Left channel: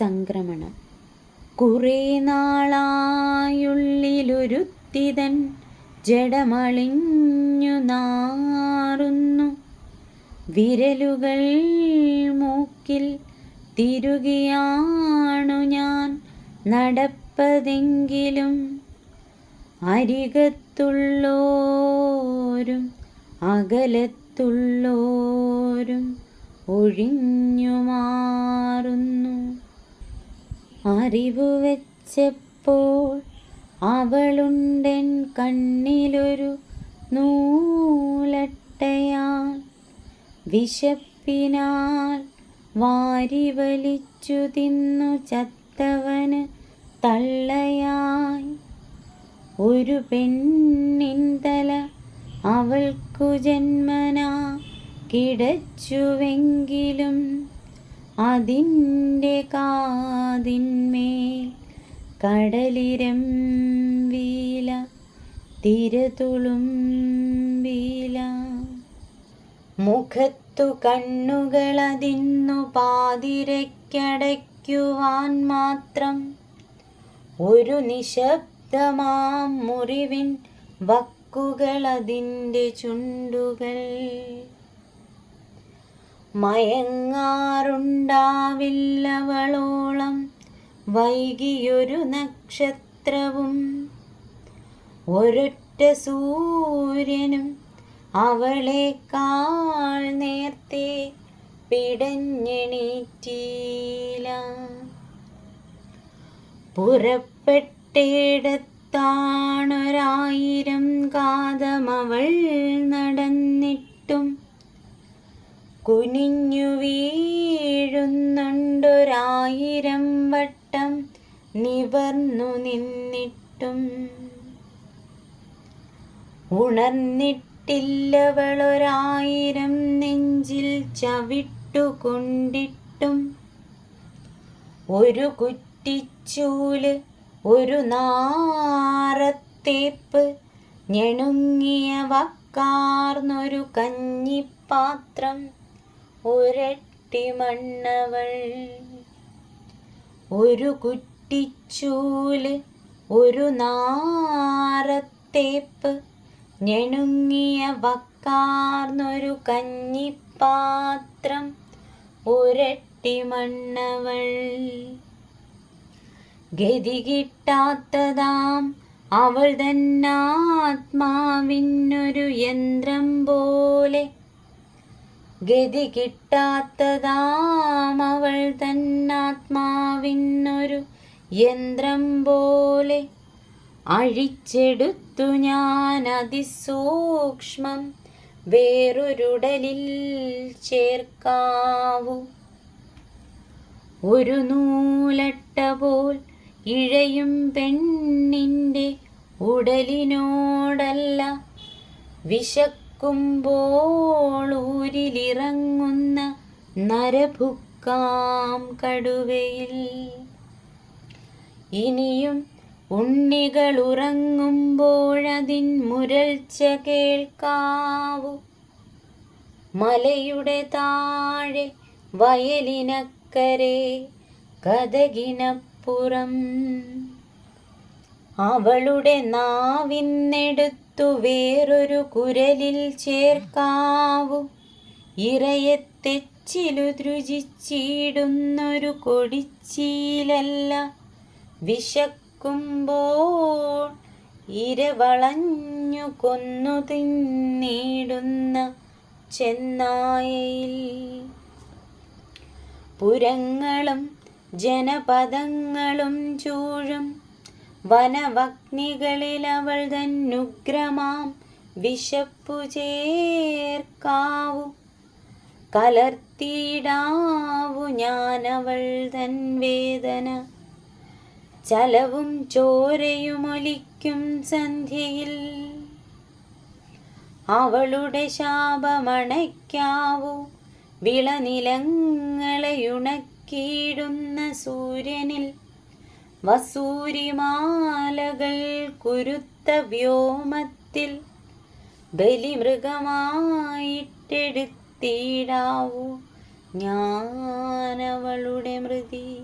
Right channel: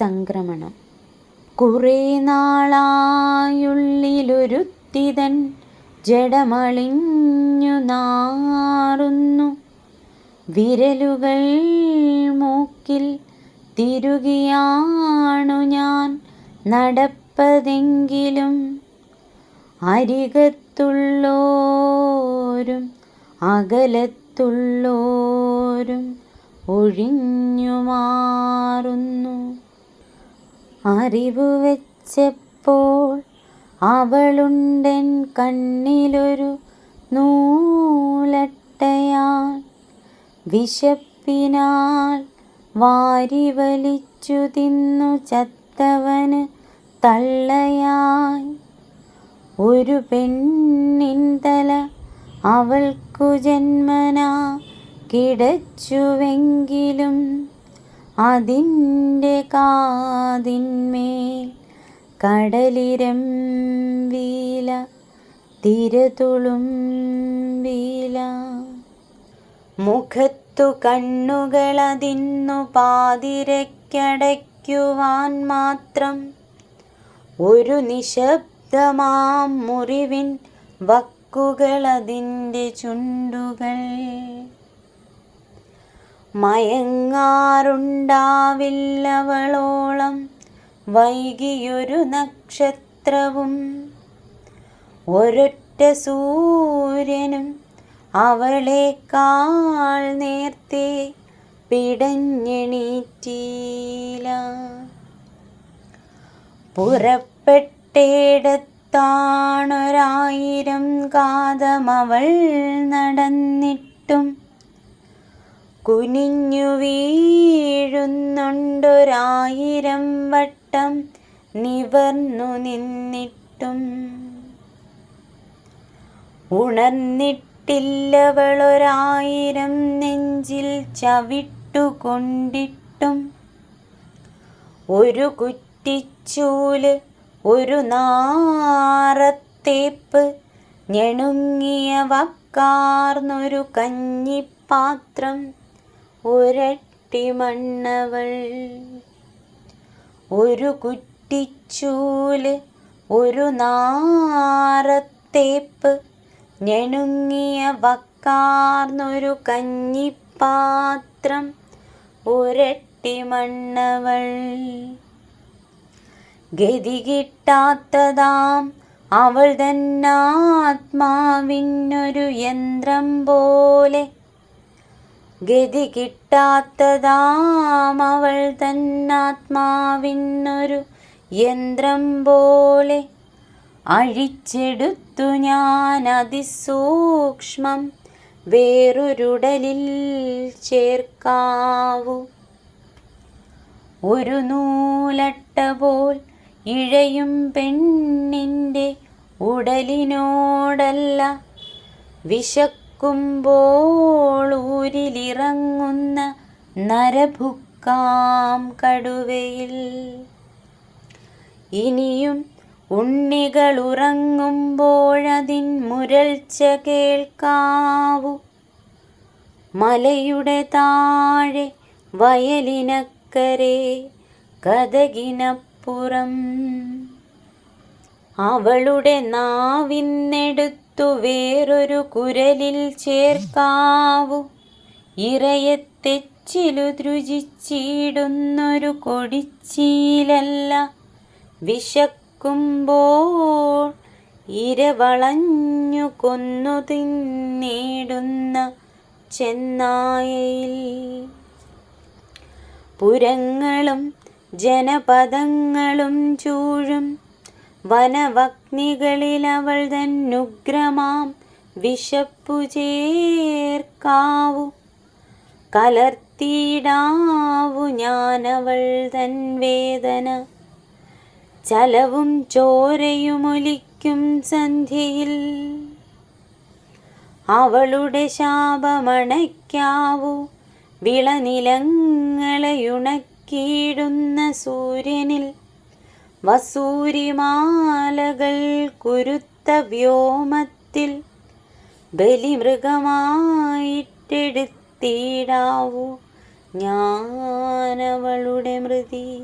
സംക്രമണം. കുറേ നാളായുള്ളിലൊരുത്തിതൻ ജഡമളിഞ്ഞു നാറുന്നു. വിരലുകൾ മൂക്കിൽ തിരുകിയാണു ഞാൻ നടപ്പതെങ്കിലും അരികത്തുള്ളോരും അകലത്തുള്ളോരും ഒഴിഞ്ഞു മാറുന്നു. അറിവു വെച്ചപ്പോൾ അവളുണ്ടെൻ കണ്ണിലൊരു നൂലട്ടയാൽ വിശപ്പിനാൽ വാരി വലിച്ചു തിന്നു ചത്തവന് തള്ളയായി. ഒരു പെണ്ണിൻ തല അവൾക്കു ജന്മനാ കിടച്ചുവെങ്കിലും അതിന്റെ കാതിന്മേൽ കടലിരം വീല തിരതുളും വീല. മുഖത്തു കണ്ണുകളതിന്നു പാതിരക്കടയ്ക്കുവാൻ മാത്രം ഒരു നിശബ്ദമാം മുറിവിൻ വക്കുകളതിന്റെ ചുണ്ടുകൾ. മയങ്ങാറുണ്ടാവില്ലവളോളം വൈകിയൊരു നക്ഷത്രവും. ഒരൊറ്റ സൂര്യനും അവളേക്കാൾ നേർത്തെ പിടഞ്ഞെണീറ്റീല പുറപ്പെട്ടേടത്താണൊരായിരം കാതമവൾ നടന്നിട്ടും കുനിഞ്ഞു വീഴുന്നുണ്ടൊരായിരം വട്ടം നിവർന്നു നിന്നിട്ടും. ഉണർന്നിട്ടില്ലവളൊരായിരം നെഞ്ചിൽ ചവിട്ടുകൊണ്ടിട്ടും. ഒരു കുറ്റിച്ചൂൽ ഒരു നാറത്തേപ്പ് ഞെണുങ്ങിയ വക്കാർന്നൊരു കഞ്ഞിപ്പാത്രം. ഒരട്ടി മണ്ണവൾ. ഒരു കുറ്റിച്ചൂൽ ഒരു നാറത്തേപ്പ് ഞെണുങ്ങിയ വക്കാർന്നൊരു കഞ്ഞിപ്പാത്രം. ഒരട്ടി മണ്ണവൾ. ഗതി കിട്ടാത്തതാം അവൾ തന്നാത്മാവിനൊരു യന്ത്രം പോലെ. ഗതി കിട്ടാത്തതാം അവൾ തന്നാത്മാവിനൊരു യന്ത്രം പോലെ അഴിച്ചെടുത്തു ഞാൻ അതിസൂക്ഷ്മം വേറൊരുടലിൽ ചേർക്കാവൂ. ഒരു നൂലട്ട പോൽ ഇഴയും പെണ്ണിന്റെ ഉടലിനോടല്ല വിശക്കുമ്പോൾ ഊരിലിറങ്ങുന്ന നരഭുക്കാം കടുവയിൽ. ഇനിയും ഉണ്ണികൾ ഉറങ്ങുമ്പോഴതിൻ മുരൾച്ച കേൾക്കാവൂ. മലയുടെ താഴെ വയലിനക്കരെ കഥകിനപ്പുറം. അവളുടെ നാവിന്നെടുത്തു വേറൊരു കുരലിൽ ചേർക്കാവു. ഇറയെ തെച്ചിലു രുചിച്ചിടുന്നൊരു കൊടിച്ചീലല്ല. വിശക്കുമ്പോൾ ഇരവളഞ്ഞു കൊന്നു തിന്നിടുന്ന ചെന്നായയിൽ. പുരങ്ങളും ജനപദങ്ങളും ചൂഴും വനവഗ്നികളിൽ അവൾ തന്നുഗ്രമാം വിശപ്പു ചേർക്കാവു. കലർത്തിയിടാവു ഞാനവൾ തൻ വേദന. ചലവും ചോരയുമൊലിക്കും സന്ധ്യയിൽ അവളുടെ ശാപമണയ്ക്കാവൂ. വിളനിലങ്ങളെയുണക്കിയിടുന്ന സൂര്യനിൽ വസൂരിമാലകൾ കുരുത്ത വ്യോമത്തിൽ ബലിമൃഗമായിട്ടെടുത്തിടാവൂ ഞാനവളുടെ മൃതി.